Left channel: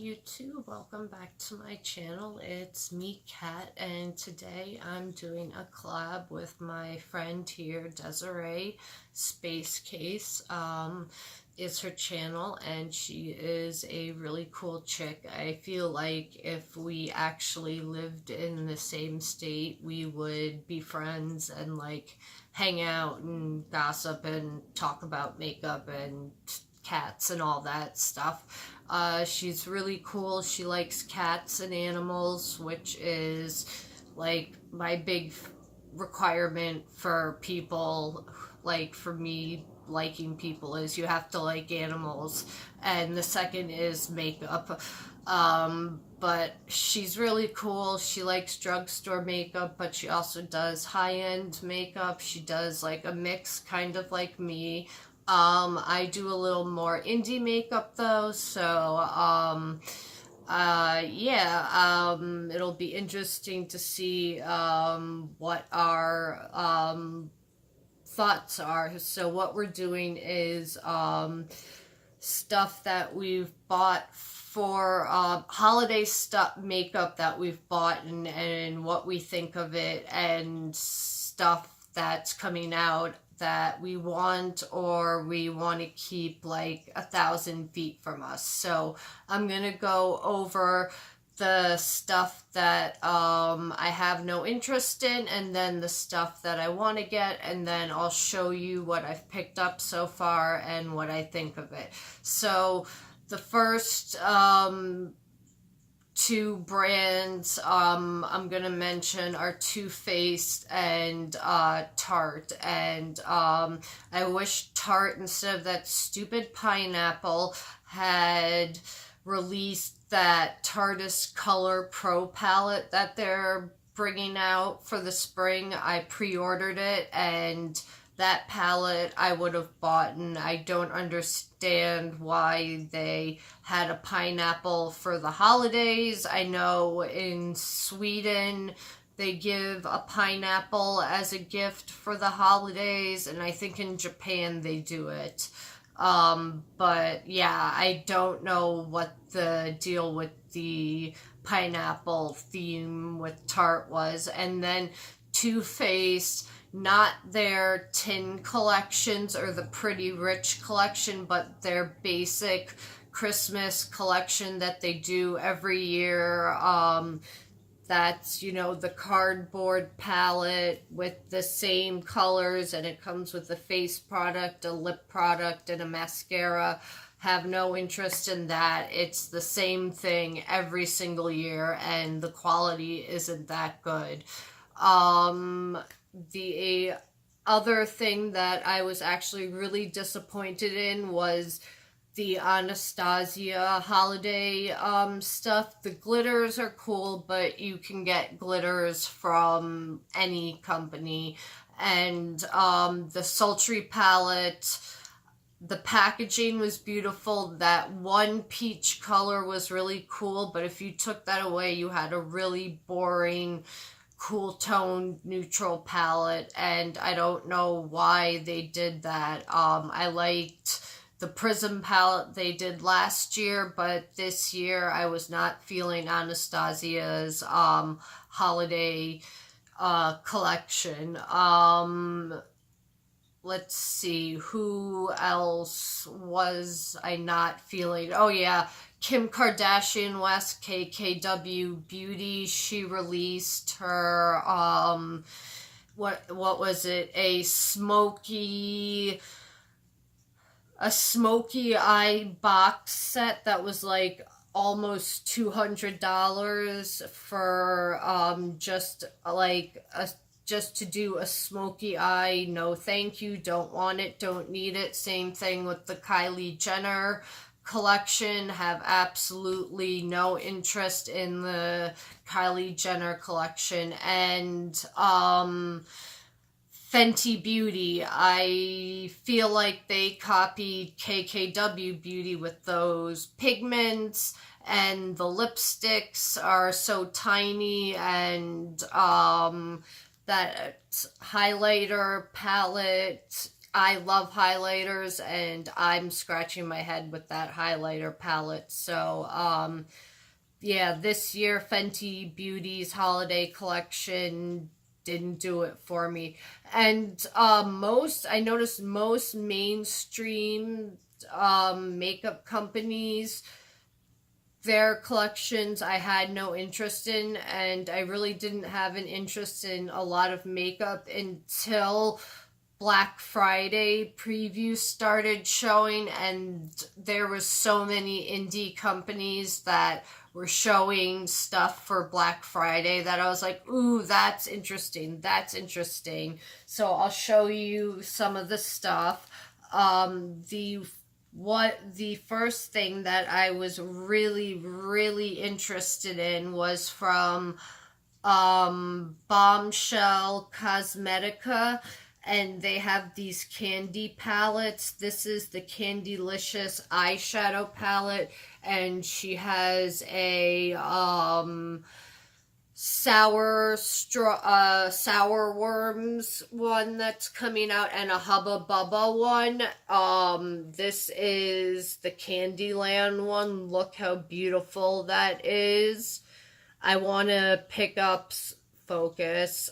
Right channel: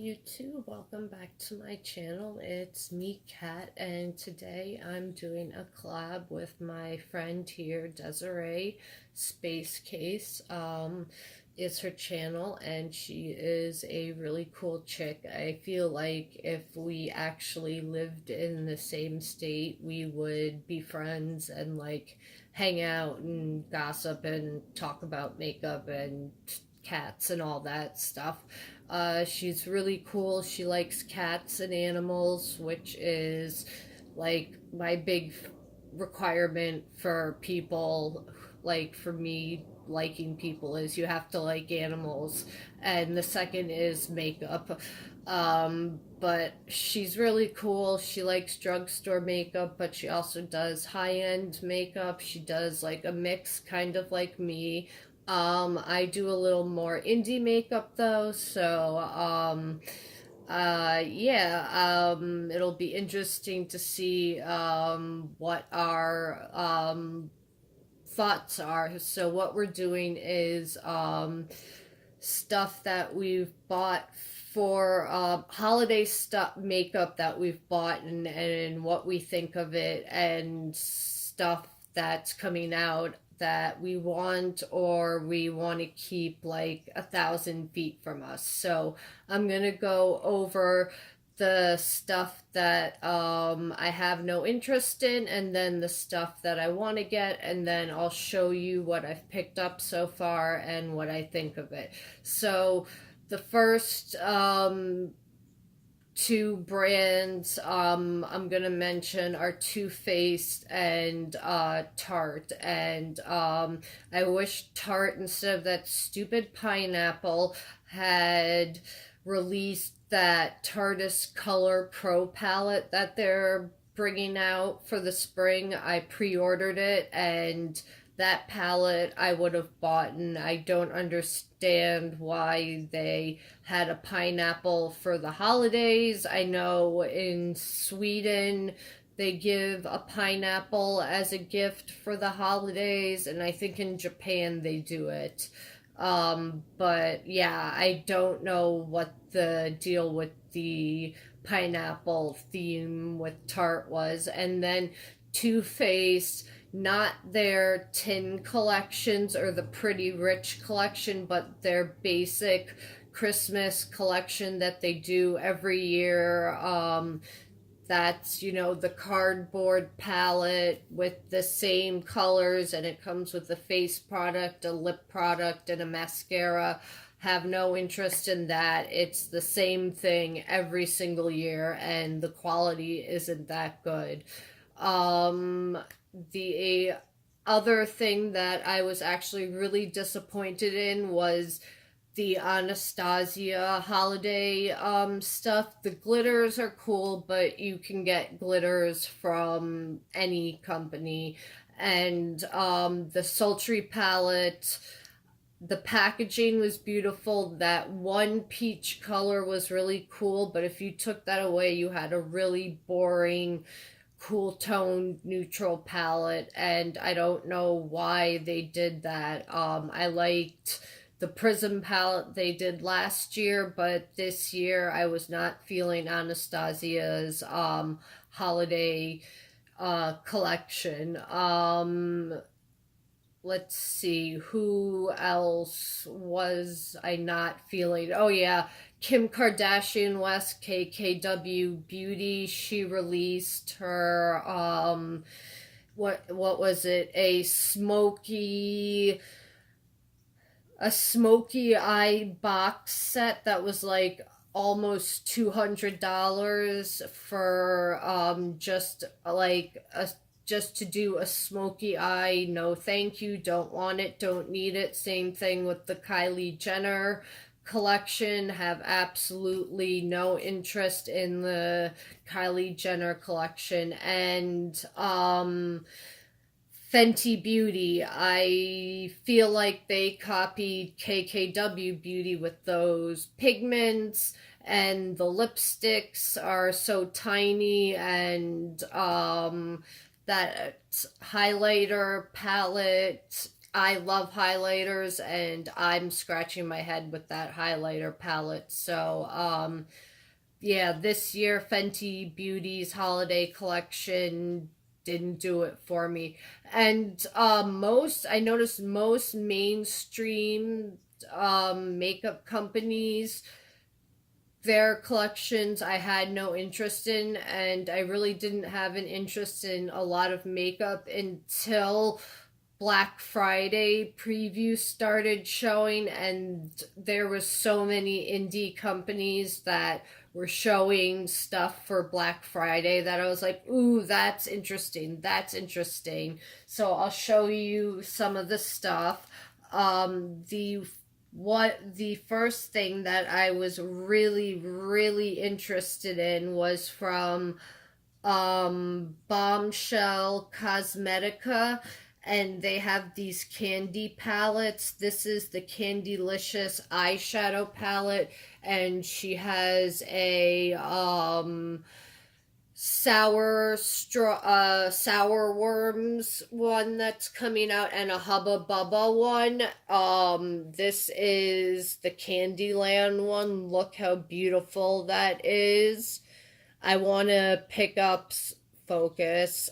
YouTube, welcome back to my channel. It's me, Kat, and today I'm doing a collab with my friend here, Desiree. SpaceCase is her channel, and she is a really cool chick. I feel like if we actually lived in the same state, we would be friends and like hang out and gossip and talk about makeup and cats and all that stuff. She's really cool. She likes cats and animals, which is like my big requirement for people. Like for me, liking people is you have to like animals, and the second is makeup. But she's really cool. She likes drugstore makeup, but she also does high-end makeup. She does like a mix, kind of like me. I do a little more indie makeup though, so it'll be interesting to see what our thoughts are. So what we're doing is stuff that we've bought for holiday stuff, makeup that we've bought, and what we think of it, and stuff that's coming out that we want or we want to keep like 1,000 feet from us. So I'm gonna go over the stuff that I have no interest in, and then the stuff that I want to get, and then I'll show you what I've picked up so far and what I think of it. So the first two brands I'm gonna mention are Too Faced and Tarte. And I wish Tarte, instead of that stupid pineapple, had released that Tarte's Color Pro palette that they're bringing out for the spring. I pre-ordered it, and that palette I would have bought, and I don't understand why they had a pineapple for the holidays. I know in Sweden they give a pineapple as a gift for the holidays, and I think in Japan they do it. But yeah, I don't know what the deal with the pineapple theme with Tarte was. And then Too Faced, not their tin collections or the Pretty Rich collection, but their basic Christmas collection that they do every year. That's, you know, the cardboard palette with the same colors, and it comes with a face product, a lip product, and a mascara. Have no interest in that. It's the same thing every single year, and the quality isn't that good. The other thing that I was actually really disappointed in was the Anastasia holiday stuff. The glitters are cool, but you can get glitters from any company. And the sultry palette, the packaging was beautiful. That one peach color was really cool, but if you took that away, you had a really boring cool tone neutral palette, and I don't know why they did that. I liked the Prism palette they did last year, but this year I was not feeling Anastasia's holiday collection. Let's see, who else was I not feeling? Oh yeah, Kim Kardashian West, KKW Beauty. She released her what was it? A smoky eye box set that was like almost $200 for just to do a smoky eye. No thank you, don't want it, don't need it. Same thing with the Kylie Jenner collection. Have absolutely no interest in the Kylie Jenner collection. And Fenty Beauty, I feel like they copied KKW Beauty with those pigments, and the lipsticks are so tiny, and that highlighter palette I love highlighters, and I'm scratching my head with that highlighter palette. So, yeah, this year Fenty Beauty's holiday collection didn't do it for me. And I noticed most mainstream makeup companies, their collections I had no interest in, and I really didn't have an interest in a lot of makeup until Black Friday previews started showing, and there was so many indie companies that were showing stuff for Black Friday that I was like, ooh, that's interesting. That's interesting. So I'll show you some of the stuff. The first thing that I was really interested in was from Bombshell Cosmetica, and they have these candy palettes. This is the Candylicious eyeshadow palette, and she has a sour worms one that's coming out, and a Hubba Bubba one. This is the Candyland one. Look how beautiful that is. I want to pick up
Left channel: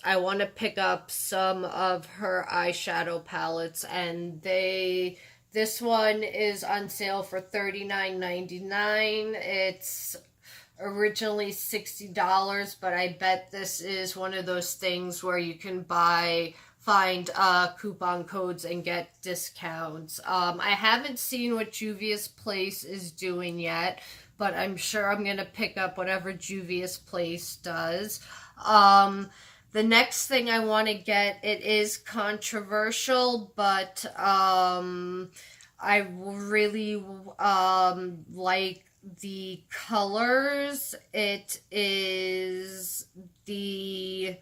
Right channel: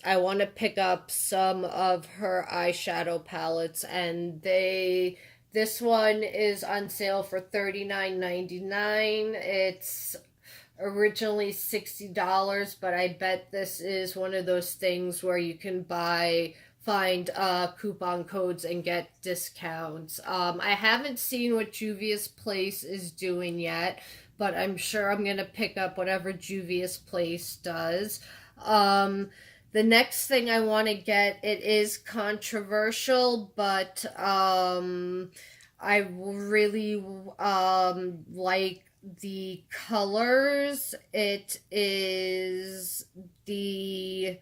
I want to pick up some of her eyeshadow palettes, and this one is on sale for $39.99. It's originally $60, but I bet this is one of those things where you can find coupon codes and get discounts. I haven't seen what Juvia's Place is doing yet, but I'm sure I'm going to pick up whatever Juvia's Place does. The next thing I want to get, it is controversial, but I really like the colors. It is the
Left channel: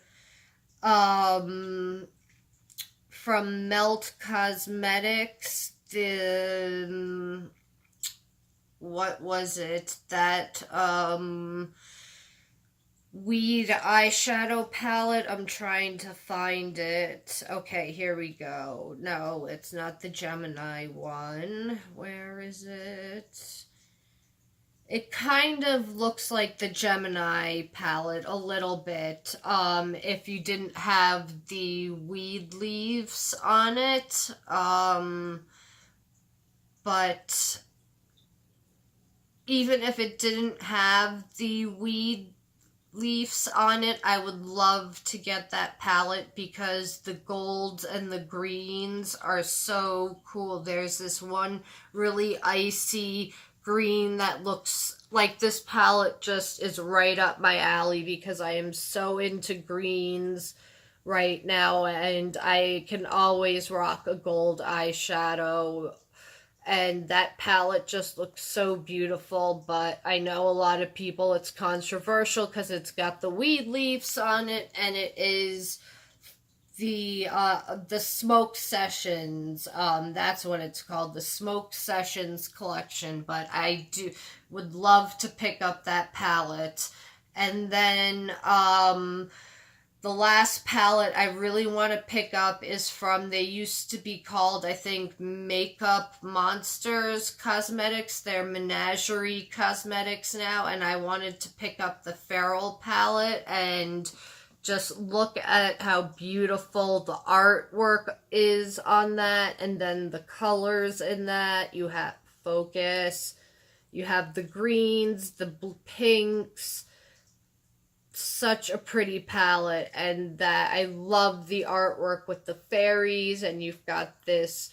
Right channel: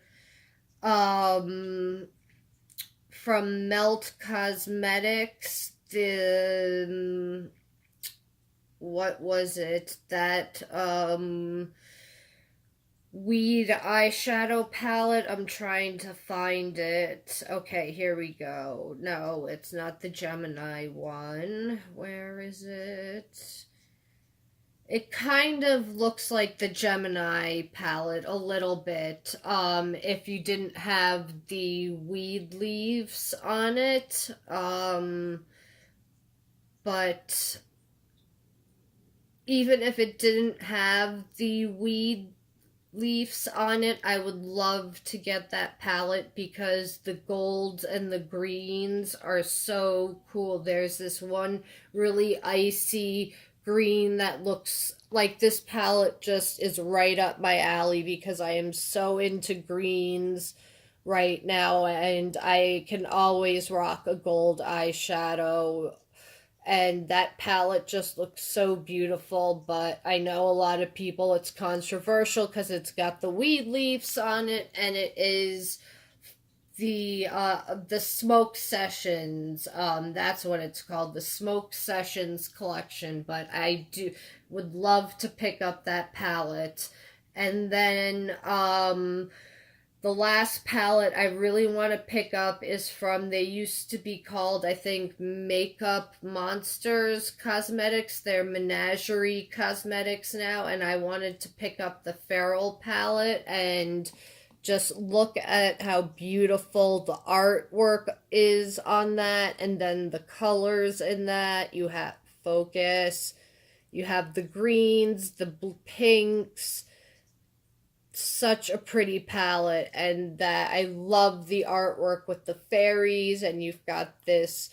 from Melt Cosmetics, the what was it, that weed eyeshadow palette. I'm trying to find it. Okay, here we go. No, it's not the Gemini one. Where is it? It kind of looks like the Gemini palette a little bit, if you didn't have the weed leaves on it, but even if it didn't have the weed leaves on it, I would love to get that palette because the golds and the greens are so cool. There's this one really icy green that looks like this palette just is right up my alley because I am so into greens right now, and I can always rock a gold eyeshadow, and that palette just looks so beautiful. But I know a lot of people, it's controversial because it's got the weed leaves on it, and it is the Smoke Sessions, that's what it's called, the Smoke Sessions collection. But I would love to pick up that palette. And then the last palette I really want to pick up is from, they used to be called, I think, Makeup Monsters Cosmetics. They're Menagerie Cosmetics now, and I wanted to pick up the Feral palette and just look at how beautiful the artwork is on that, and then the colors in that. You have focus, you have the greens, the pinks. Such a pretty palette, and that I love the artwork with the fairies, and you've got this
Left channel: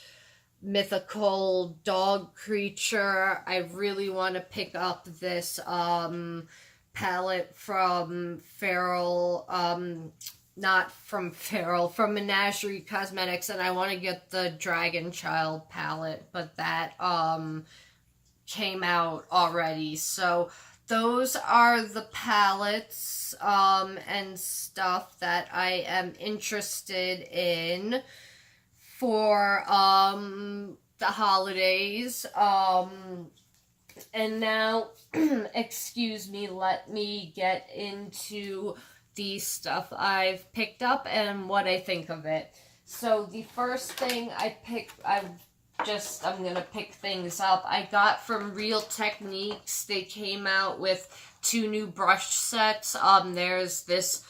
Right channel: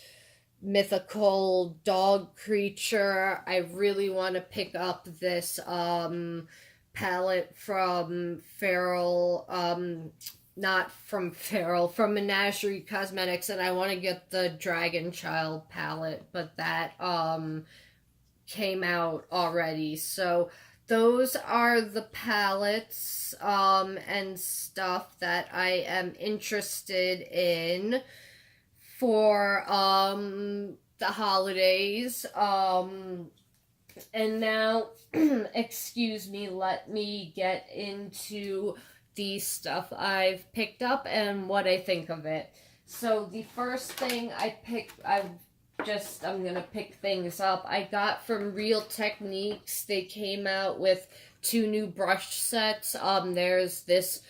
mythical dog creature. I really want to pick up this palette from Feral, not from Feral, from Menagerie Cosmetics, and I want to get the Dragon Child palette, but that came out already. So those are the palettes and stuff that I am interested in for the holidays. And now, excuse me, let me get into the stuff I've picked up and what I think of it. So the first thing I picked, I'm gonna pick things up. I got from Real Techniques. They came out with 2 new brush sets. There's this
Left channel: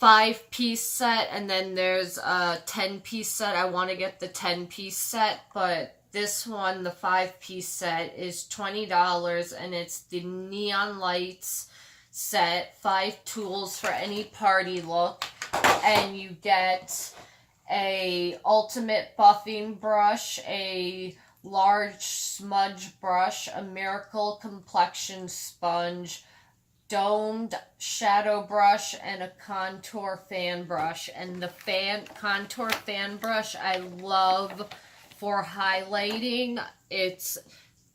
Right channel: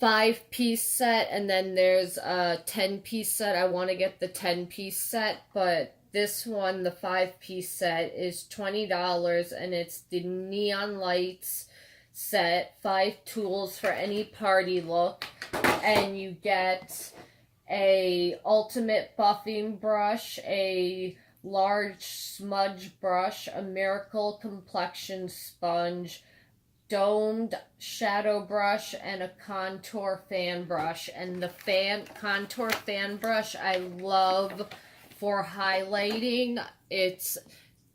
5-piece set, and then there's a 10-piece set. I want to get the 10-piece set, but this one, the 5-piece set, is $20, and it's the Neon Lights set, 5 tools for any party look, and you get a ultimate buffing brush, a large smudge brush, a miracle complexion sponge, domed shadow brush, and a contour fan brush. And the contour fan brush I love for highlighting. It's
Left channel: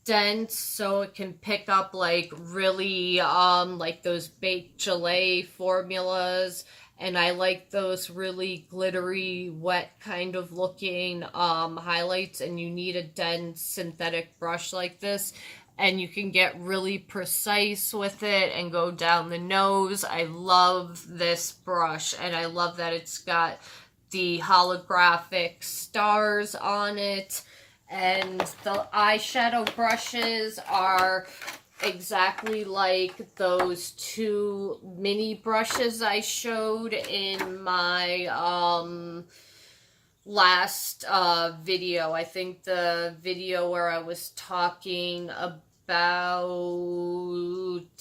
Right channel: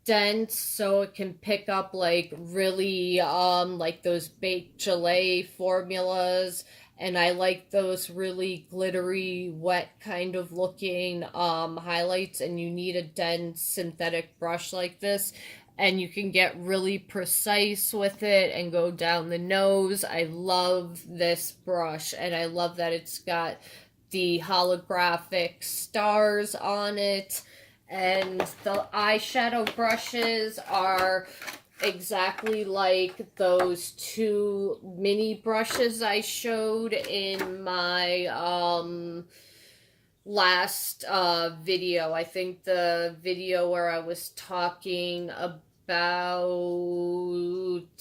dense, so it can pick up like really like those baked gelée formulas, and I like those really glittery, wet kind of looking highlights, and you need a dense synthetic brush like this, and you can get really precise with it and go down the nose. I love this brush, and I love that it's got the holographic stars on it, and the eyeshadow brushes are exactly like those 2 mini brushes I showed in my last video. I think the video where I was talking about,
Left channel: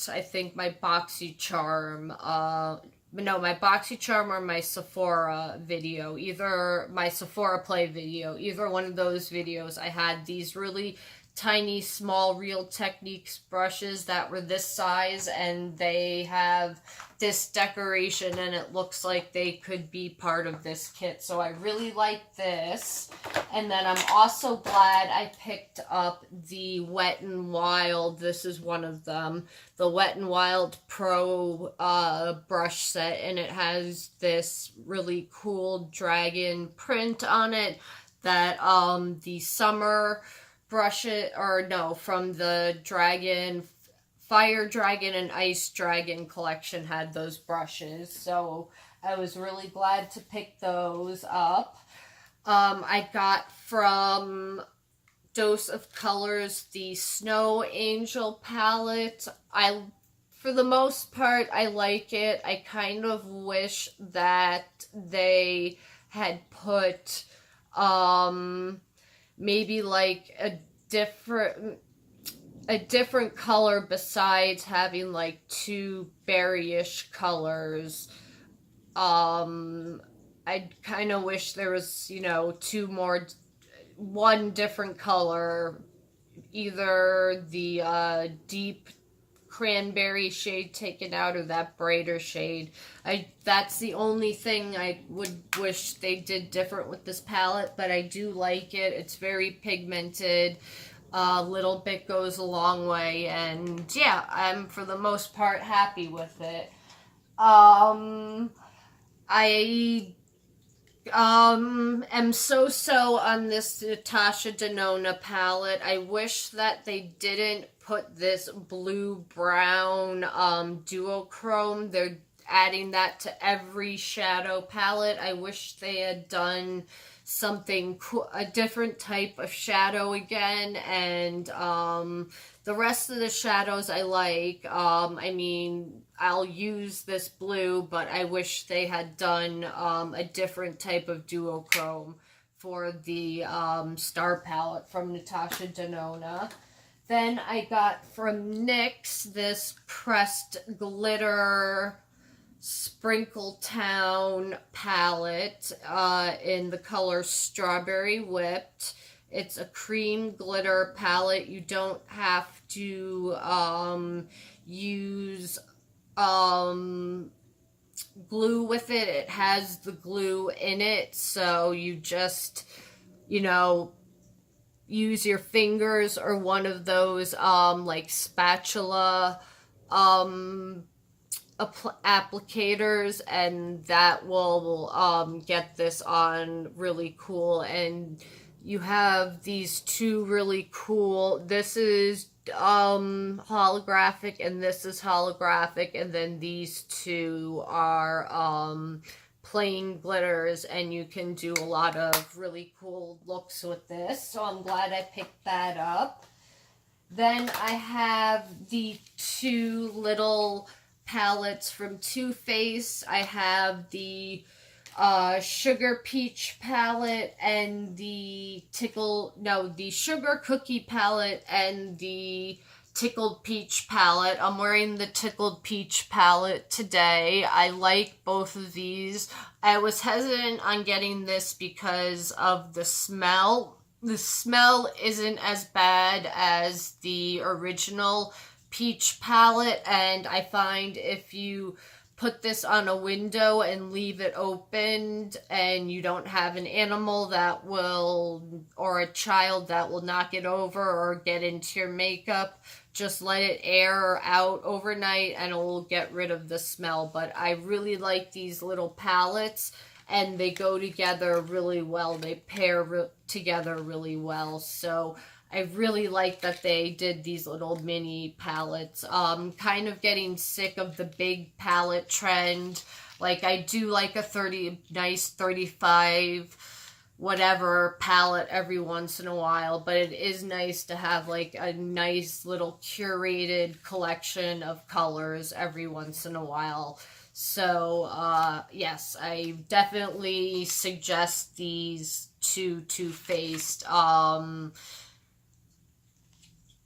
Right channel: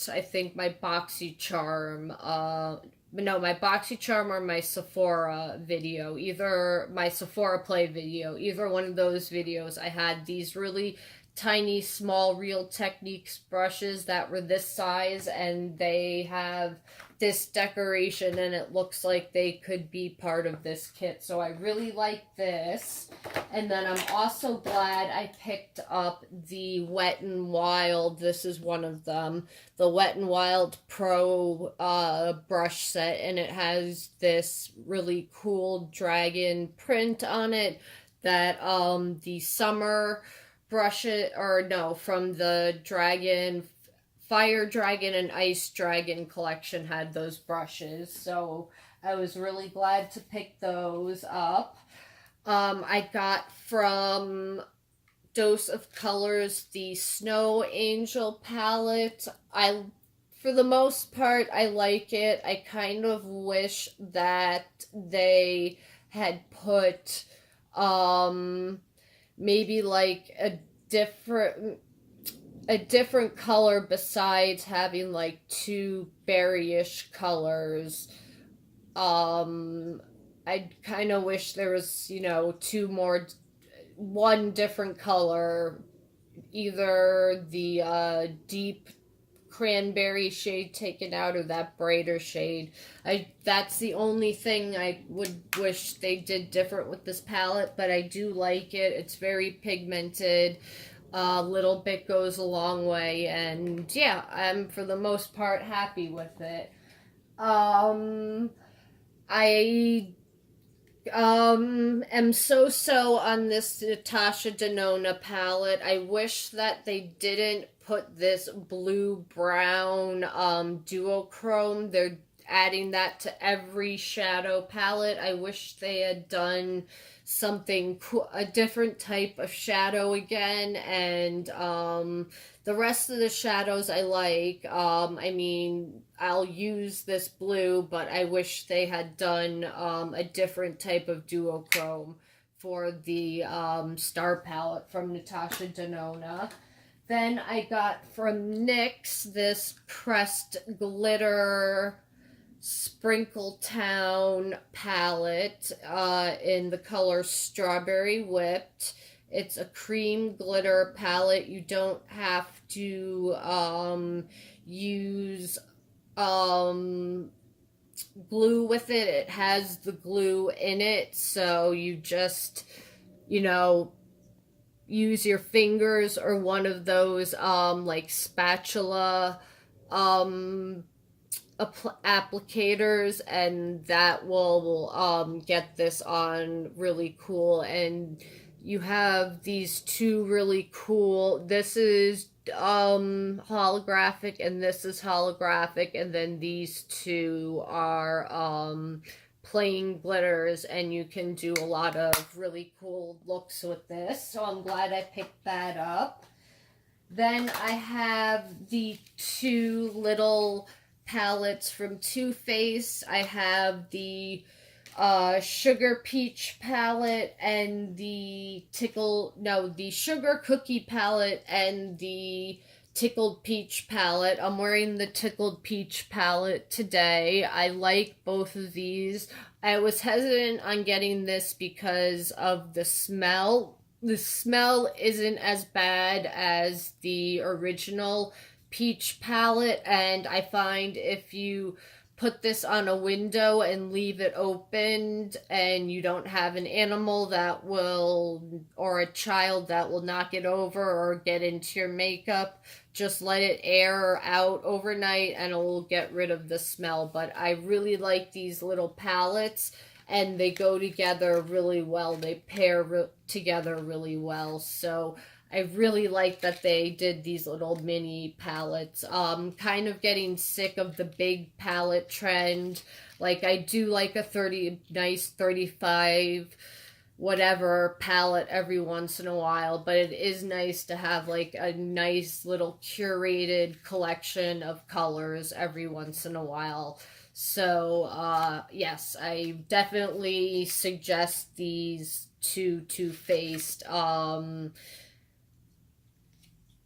I think my BoxyCharm, no, my BoxyCharm or my Sephora video, either my Sephora Play video, either one of those videos, I had these really tiny, small Real Techniques brushes that were this size, and they have this decoration, and it looks like they could be part of this kit. So I really like this. And then I'm also glad I picked up the Wet n Wild. This is one of them. The Wet n Wild Pro brush set, and it has this really cool dragon print on it that the summer brushes, or no, from the Fire Dragon and Ice Dragon collection had those brushes, so I was really glad to pick those up. I got from Dose of Colors the Snow Angel palette. For the most part, I like it. I kind of wish that they had put maybe like a different color besides having like 2 berryish colors. I kind of wish there was, one different color, either the deep cranberry shade taken out or that brighter shade. That's the only thing I would wish they did different with this palette, but I do like it. It's very pigmented. A little bit goes a long way, and yeah, I'm for the most part happy with it. I am so on this Natasha Denona palette. I wish that they didn't put this blue-brown duochrome. They're adding that to every shadow palette. I wish they had done something cool, a different type of shadow again, and the rest of the shadows I like. I mean, I'll use this blue, but I wish they had done a different type of duochrome for the Star palette from Natasha Denona. Then I got from NYX this pressed glitter Sprinkle Town palette in the color Strawberry Whipped. It's a cream glitter palette. You don't have to use glue with it. It has the glue in it, so you just, use your fingers or one of those like spatula applicators, and that will get this on really cool. And you have these 2 really cool, this is holographic and this is holographic, and then these 2 are plain glitters, and you can do a lot of really cool looks with this. So I'm glad I picked that up. Then I have the two little palettes from Too Faced. I have the Sugar Peach palette and the Sugar Cookie palette and the Tickled Peach palette. I'm wearing the Tickled Peach palette today. I like both of these. I was hesitant on getting this because of the smell. The smell isn't as bad as the original peach palette, and I find if you put this on a window and leave it opened and you don't have an animal that will, or a child that will knock it over or get into your makeup, just let it air out overnight and it will get rid of the smell. But I really like these little palettes, and they go together really well. They pair together really well. So I really like that they did these little mini palettes. Kind of getting sick of the big palette trend. Like, I do like a nice 35 whatever palette every once in a while, but it is nice to have like a nice little curated collection of colors every once in a while. So, yes, I definitely suggest these two Too Faced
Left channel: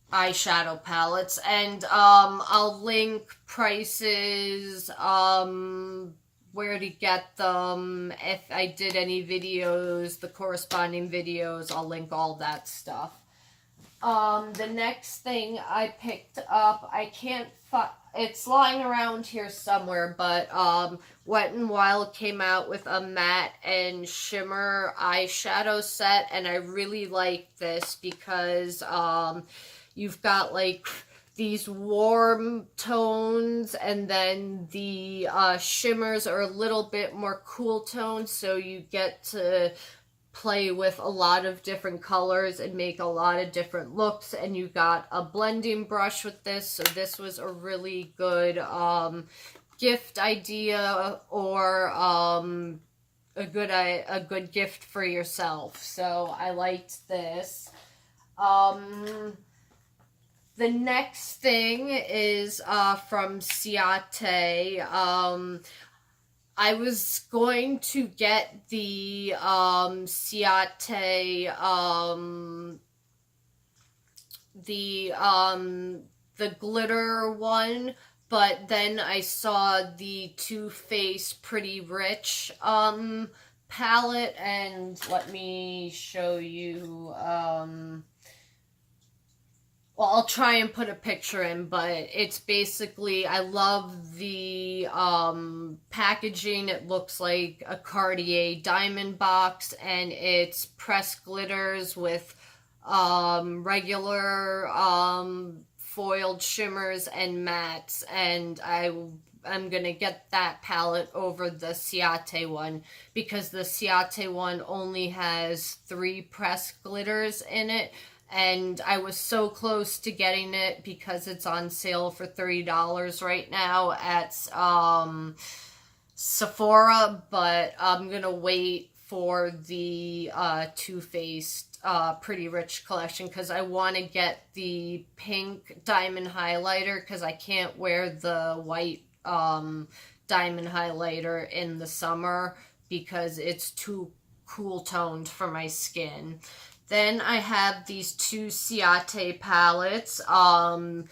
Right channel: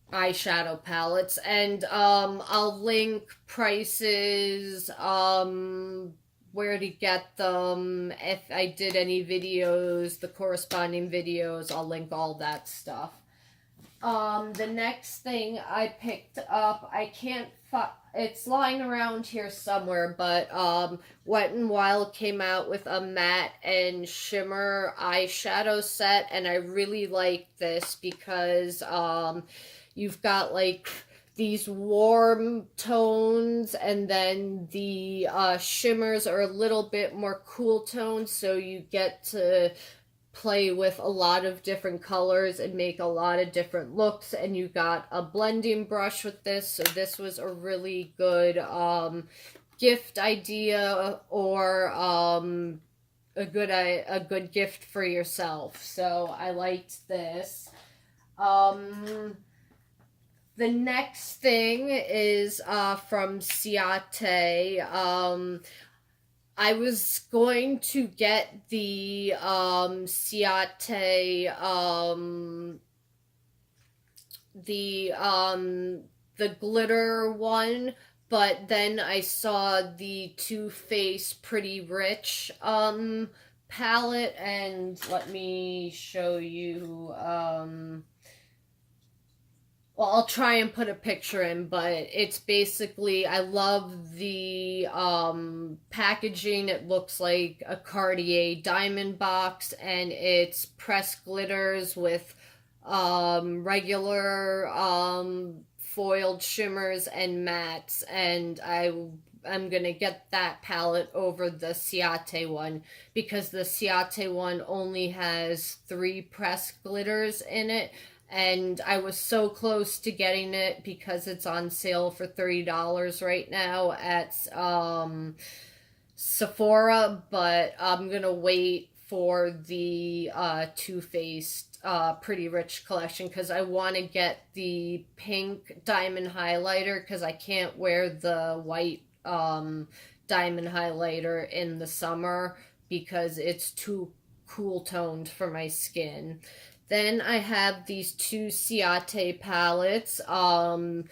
eyeshadow palettes, and I'll link prices, where to get them. If I did any videos, the corresponding videos, I'll link all that stuff. The next thing I picked up, I can't find, it's lying around here somewhere, but Wet n Wild came out with a matte and shimmer eyeshadow set, and I really like this because you've got like these warm tones, and then the shimmers are a little bit more cool tones, so you get to play with a lot of different colors and make a lot of different looks. And you got a blending brush with this, so this was a really good gift idea, or a good gift for yourself. So I liked this. The next thing is from Ciaté. I was going to get the Ciaté, the glitter one, but then I saw the Too Faced Pretty Rich palette, and let me show you. Well, I'll try and put a picture in, but it's basically, I love the packaging. It looks like a Cartier diamond box, and it's pressed glitters with regular foiled shimmers and mattes, and I'm gonna get that palette over the Ciaté one, because the Ciaté one only has 3 pressed glitters in it. And I was so close to getting it because it's on sale for $30 right now at Sephora, but I'm gonna wait for the Too Faced Pretty Rich collection, because I want to get the pink diamond highlighter, because I can't wear the white diamond highlighter in the summer because it's too cool toned for my skin. Then I have these 2 Ciaté palettes. One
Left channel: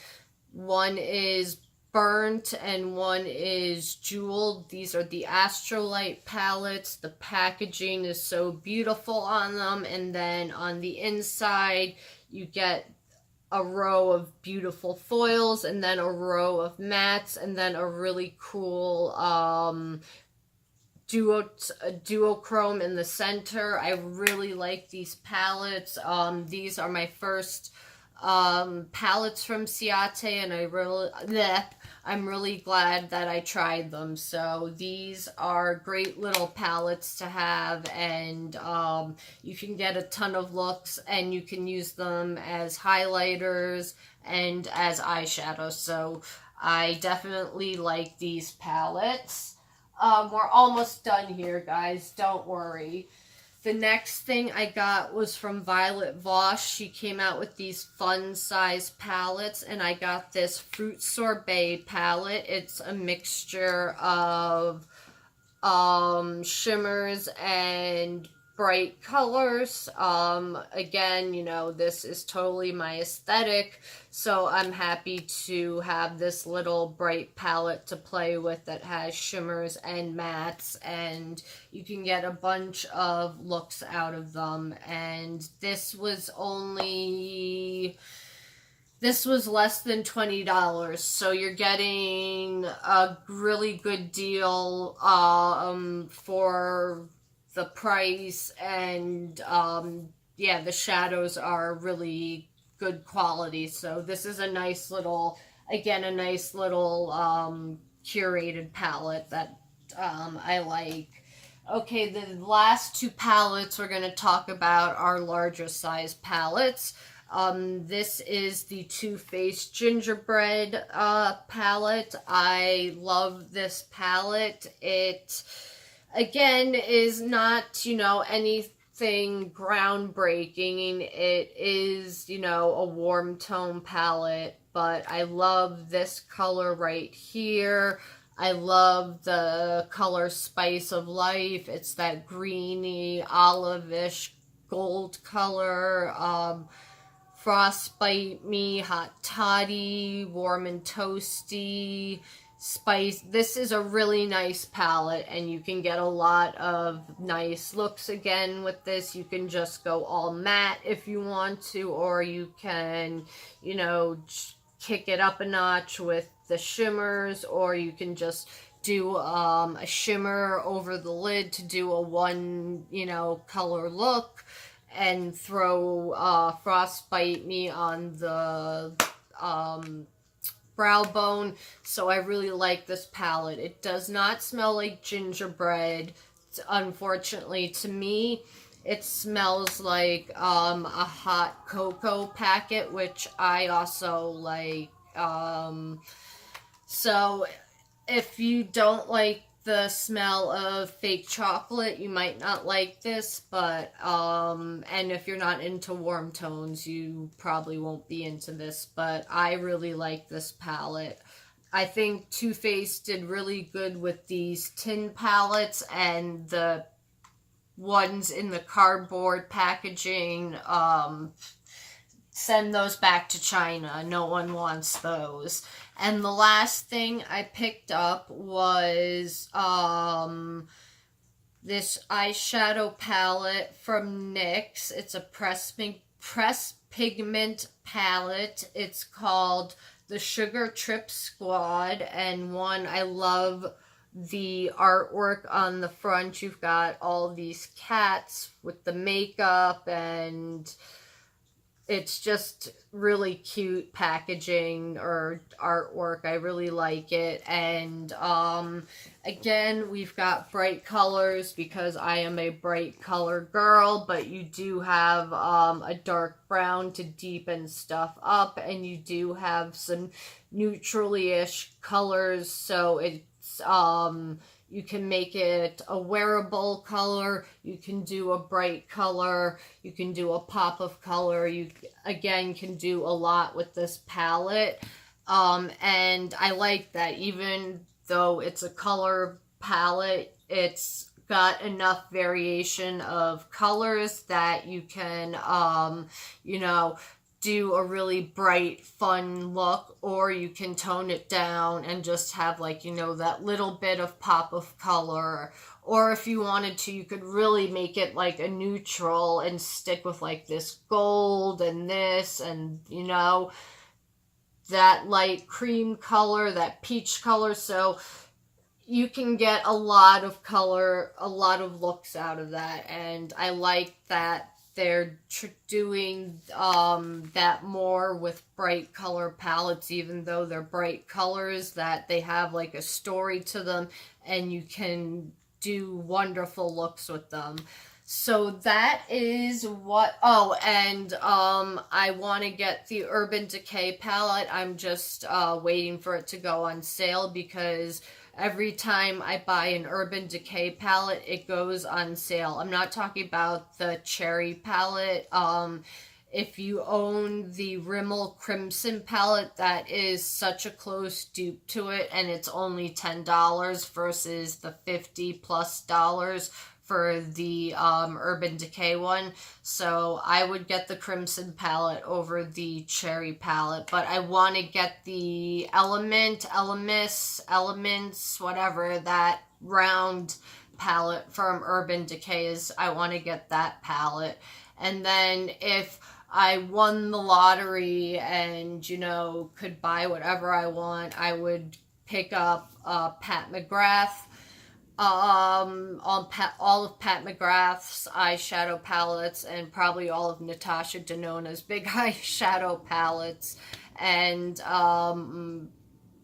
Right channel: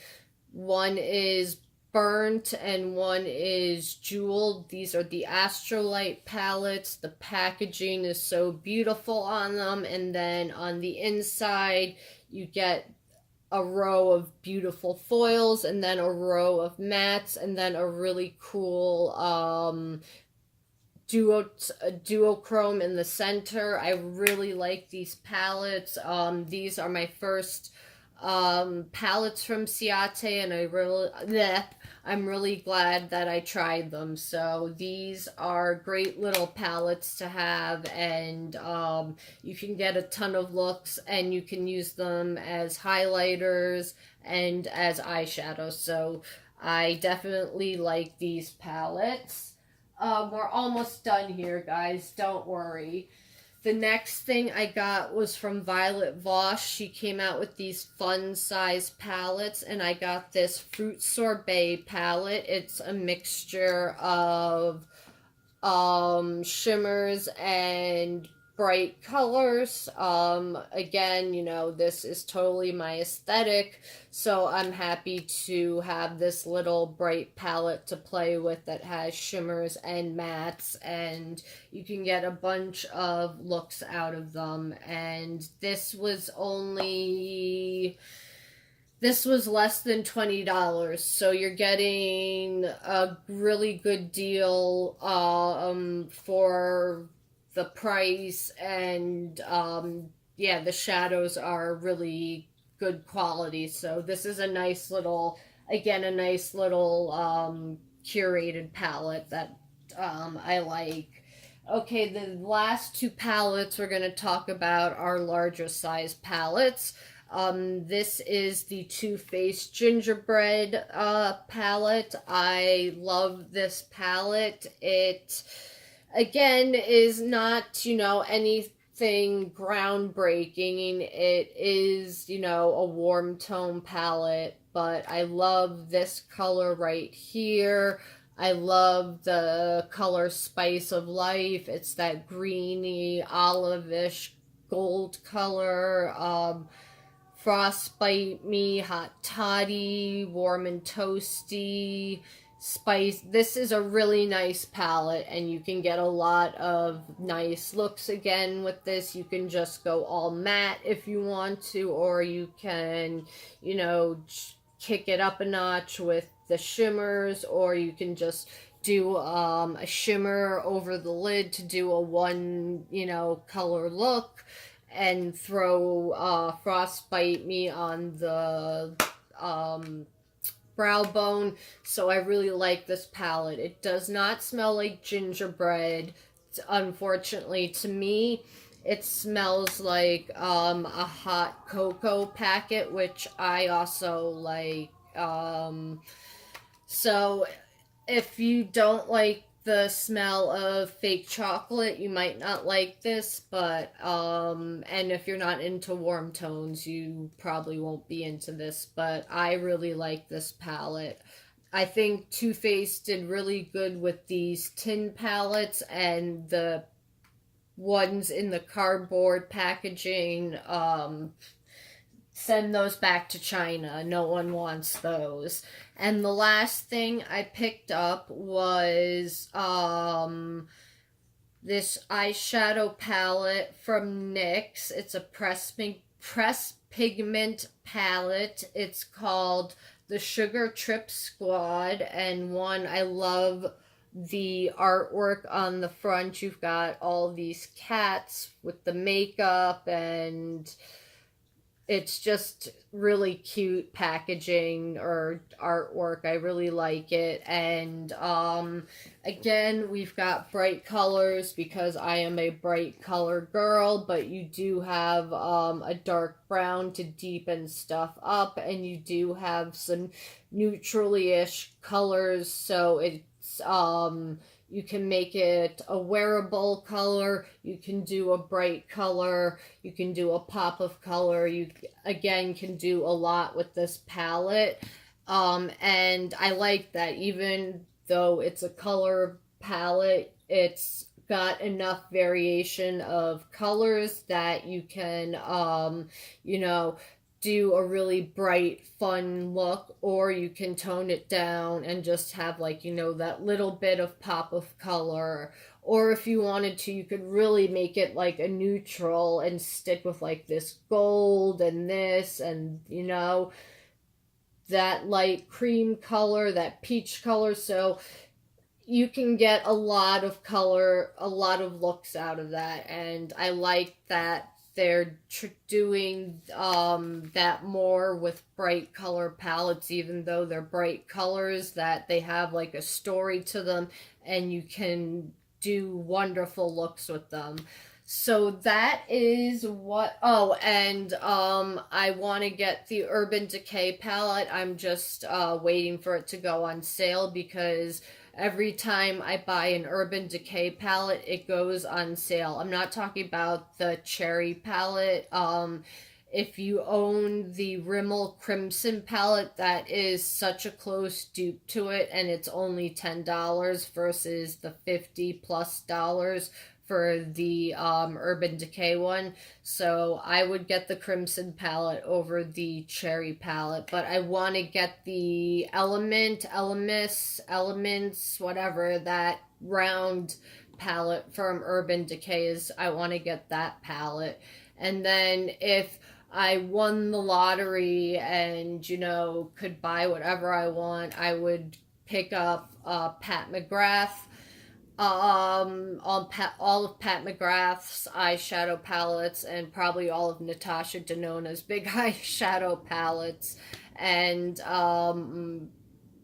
is burnt and one is jeweled. These are the Astrolight palettes. The packaging is so beautiful on them. And then on the inside, you get a row of beautiful foils, and then a row of mattes, and then a really cool duochrome in the center. I really like these palettes. These are my first palettes from Ciaté, and I'm really glad that I tried them. So these are great little palettes to have, and you can get a ton of looks, and you can use them as highlighters and as eyeshadow. So I definitely like these palettes. We're almost done here, guys. Don't worry. The next thing I got was from Violet Voss. She came out with these fun size palettes, and I got this Fruit Sorbet palette. It's a mixture of shimmers and bright colors. Again, you know, this is totally my aesthetic, so I'm happy to have this little bright palette to play with that has shimmers and mattes, and you can get a bunch of looks out of them. And this was less than $20, so you're getting a really good deal for the price, and yeah, the shadows are really good quality. So this is a nice little, again, a nice little curated palette that I like. Okay, the last two palettes we're going to talk about are larger size palettes. This is the Faced Gingerbread palette. I love this palette. It, again, is not, you know, anything groundbreaking. It is, you know, a warm tone palette, but I love this color right here. I love the color Spice of Life. It's that greeny, olive-ish gold color. Frostbite Me, Hot Toddy, Warm and Toasty, Spice. This is a really nice palette, and you can get a lot of nice looks again with this. You can just go all matte if you want to, or you can, you know, kick it up a notch with the shimmers, or you can just do a shimmer over the lid to do a one, you know, color look, and throw Frostbite Me on the brow bone. So I really like this palette. It does not smell like gingerbread. Unfortunately, to me, it smells like a hot cocoa packet, which I also like. So if you don't like the smell of fake chocolate, you might not like this, but and if you're not into warm tones, you probably won't be into this, but I really like this palette. I think Too Faced did really good with these tin palettes, and the ones in the cardboard packaging, send those back to China. No one wants those. And the last thing I picked up was this eyeshadow palette from NYX. It's a press pigment palette. It's called the Sugar Trip Squad, and I love the artwork on the front. You've got all these cats with the makeup, and it's just really cute packaging or artwork. I really like it. And again, we've got bright colors because I am a bright color girl, but you do have a dark brown to deepen stuff up, and you do have some neutrally-ish colors, so it's you can make it a wearable color, you can do a bright color, you can do a pop of color. You, again, can do a lot with this palette. And I like that even though it's a color palette, it's got enough variation of colors that you can, you know, do a really bright, fun look, or you can tone it down and just have, like, you know, that little bit of pop of color. Or if you wanted to, you could really make it like a neutral and stick with like this gold and this, and, you know, that light cream color, that peach color. So you can get a lot of color, a lot of looks out of that. And I like that they're doing that more with bright color palettes, even though they're bright colors, that they have like a story to them, and you can do wonderful looks with them. So that is what, oh, and I want to get the Urban Decay palette. I'm just waiting for it to go on sale, because every time I buy an Urban Decay palette, it goes on sale. I'm not talking about the cherry palette. If you own the Rimmel Crimson palette, that is such a close dupe to it, and it's only $10 versus the $50+ for the Urban Decay one. So I would get the Crimson palette over the cherry palette, but I want to get the Elements, whatever, that round palette from Urban Decay is. I want to get that palette. And then if I won the lottery and, you know, could buy whatever I want, I would pick up Pat McGrath, all of Pat McGrath's eyeshadow palettes, and probably all of Natasha Denona's big eyeshadow palettes, and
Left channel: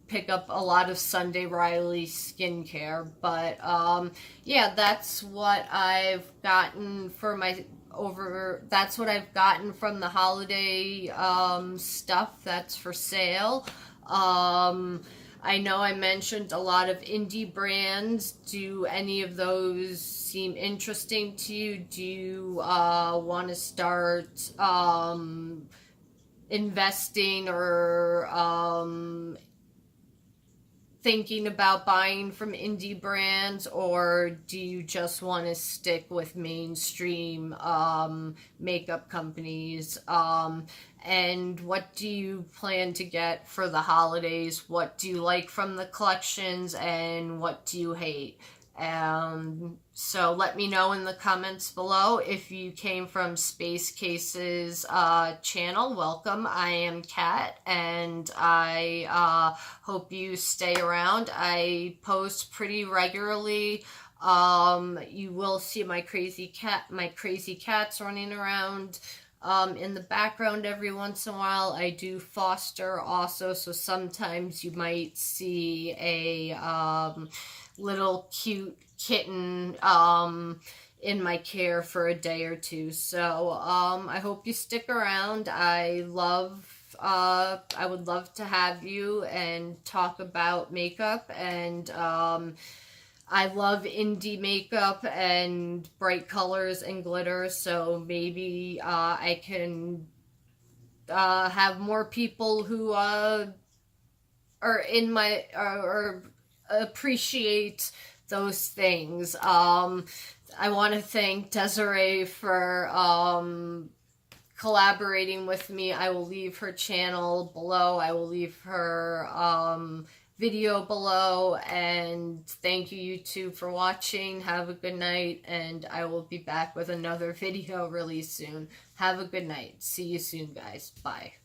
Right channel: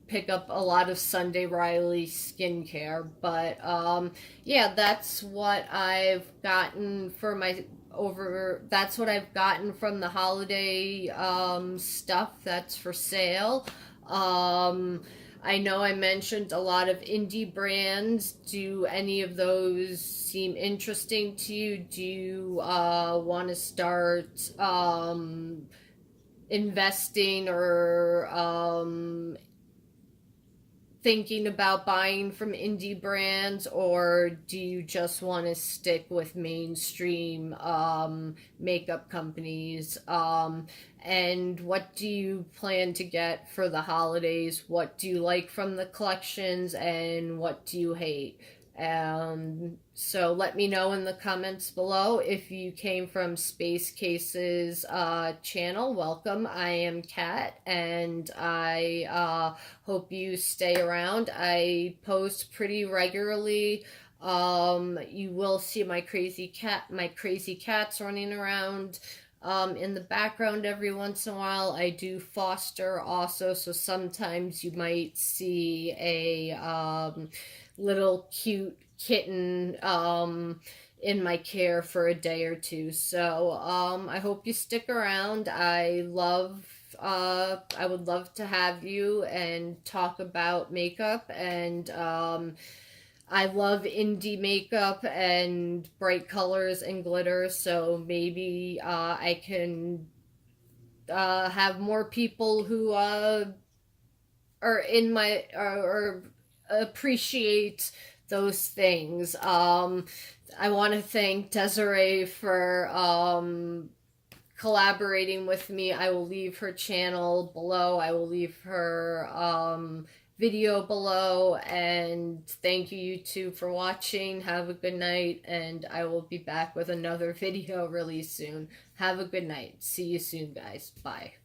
pick up a lot of Sunday Riley skincare. But yeah, that's what I've gotten for my that's what I've gotten from the holiday stuff that's for sale. I know I mentioned a lot of indie brands. Do any of those seem interesting to you? Do you want to start investing or thinking about buying from indie brands, or do you just want to stick with mainstream makeup companies? And what do you plan to get for the holidays? What do you like from the collections, and what do you hate? So let me know in the comments below. If you came from SpaceCase's channel, welcome. I am Kat, and I hope you stay around. I post pretty regularly. You will see my crazy cats running around in the background every once in a while. I do foster also, so sometimes you might see a little cute kitten in my care for a day or two. So I hope you stick around. I would love to have you and talk about makeup, and I love indie makeup and bright colors and glitter, so maybe I can have more people who are in my or appreciate those things. I want to thank Desiree for collaborating with me. I will leave her channel below. I will leave her video below, and thank you YouTube for watching. Have a good night, and I will be back with another video really soon. Have a good night. See you soon, guys. Bye.